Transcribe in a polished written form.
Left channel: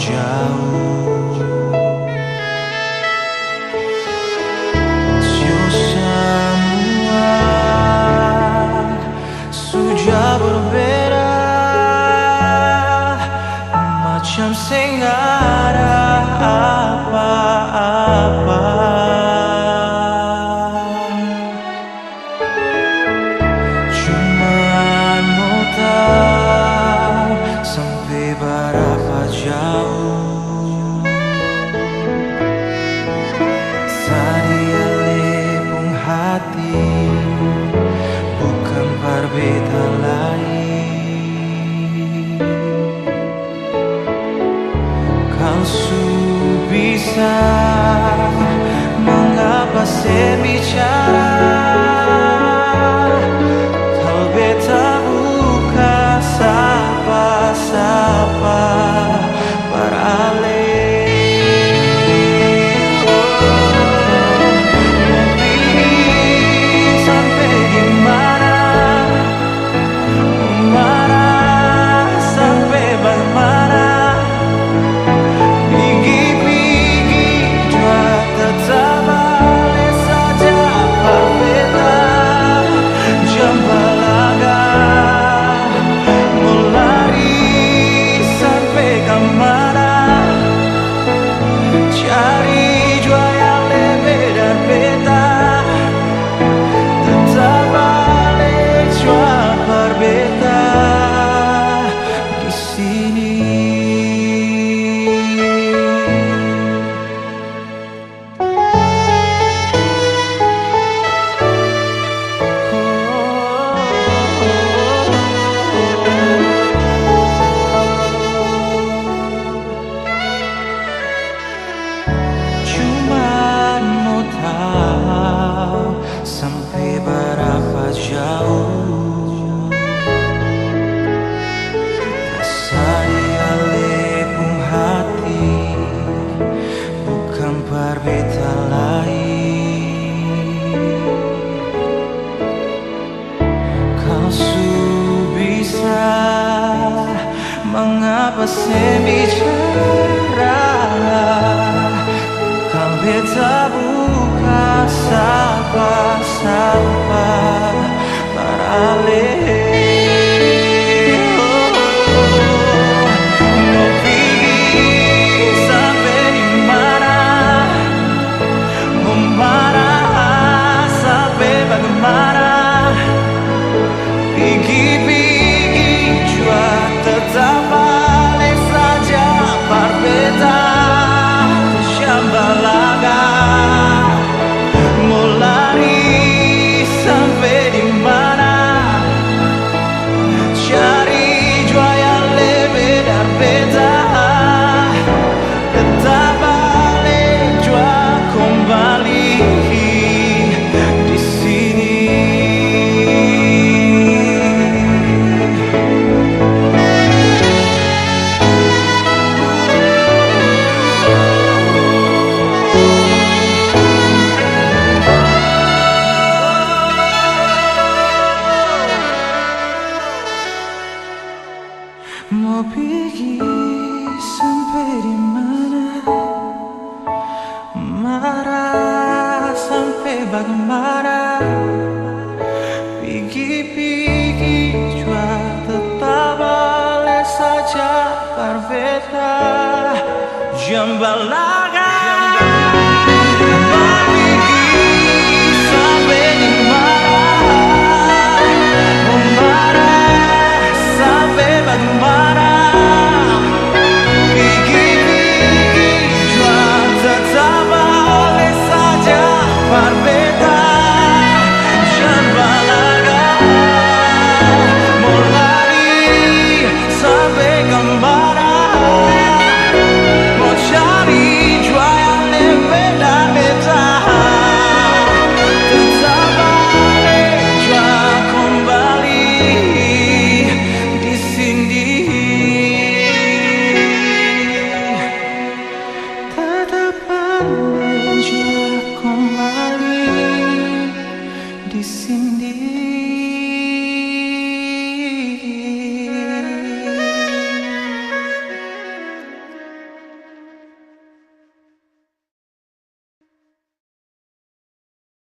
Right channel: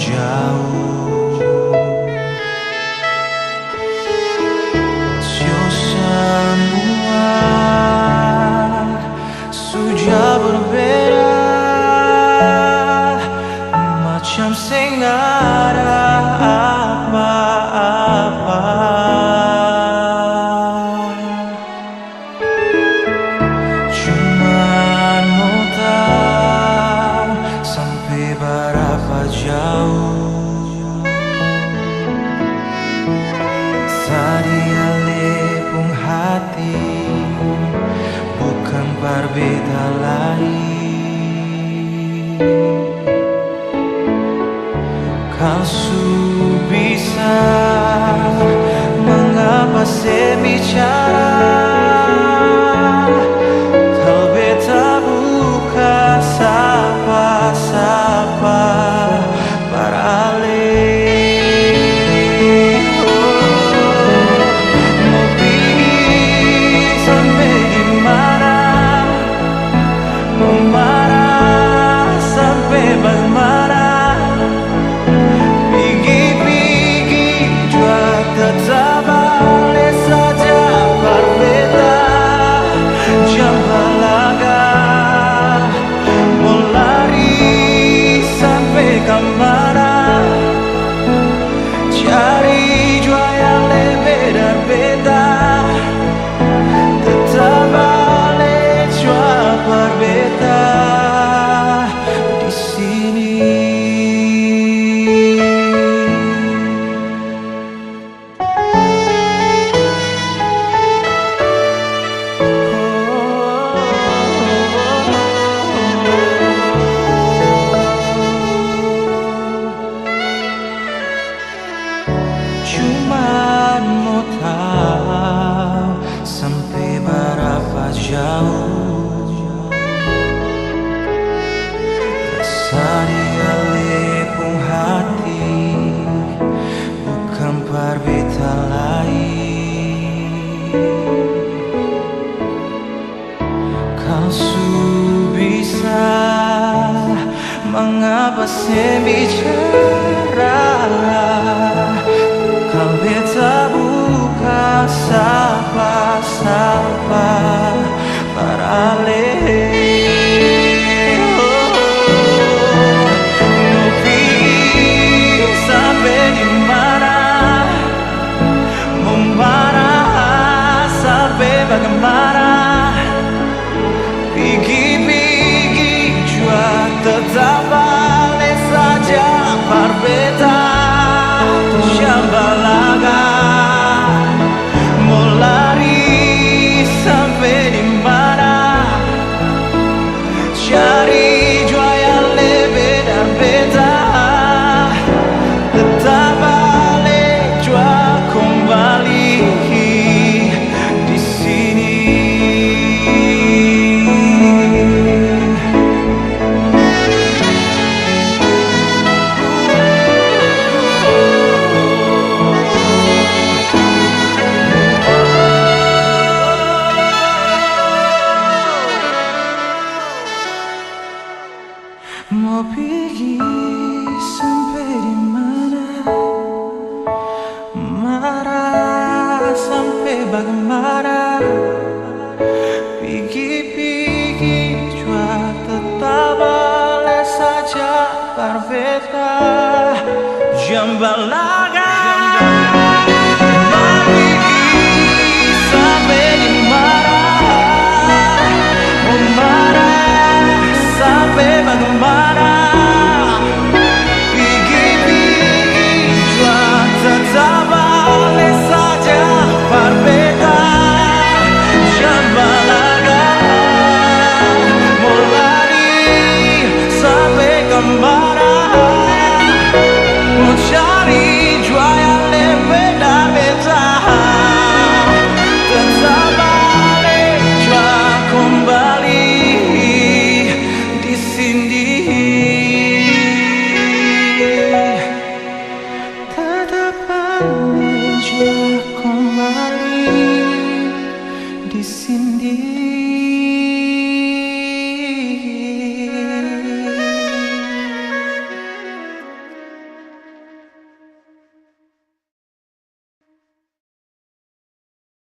jauh. Semua sudah berbeda, macam sing ada apa-apa. Cuman mau tahu sampai berapa jauh. Sadia lepung hati, bukan berbeda lain. Kau su bisa mengapa saya bicara? Kau beta buka sapa-sapa parale. Mau pergi sampai di mana? Mau marah sampai bagaimana? Pergi-pergi jua tetap balik saja berbeda. Jambalaga mau lari sampai ke mana? Cari jua yang lebih berbeda. Tetap balik jua berbeda di sini. Cuman mau tahu sampai berapa jauh. Rasa dia lepung hati, bukan berbeda lain. Kau su bisa mengapa saya bicara? Kau beta buka sapa-sapa parale. Mau pergi sampai di mana? Mau marah sampai bagaimana? Pergi-pergi jua tetap balik saja berbeda. Jambalaga mau lari sampai di mana? Cari jua yang lebih berbeda. Tetap balik jua kembali di sini. Mau pergi sampai di mana? Marah sampai bagaimana? Pergi-pergi jua tetap balik saja berbeda. Jambalaga mau pergi sampai di mana? Mau marah sampai bagaimana? Pergi-pergi jua tetap balik saja berbeda. Jambalaga mau lari sampai ke mana? Mau cari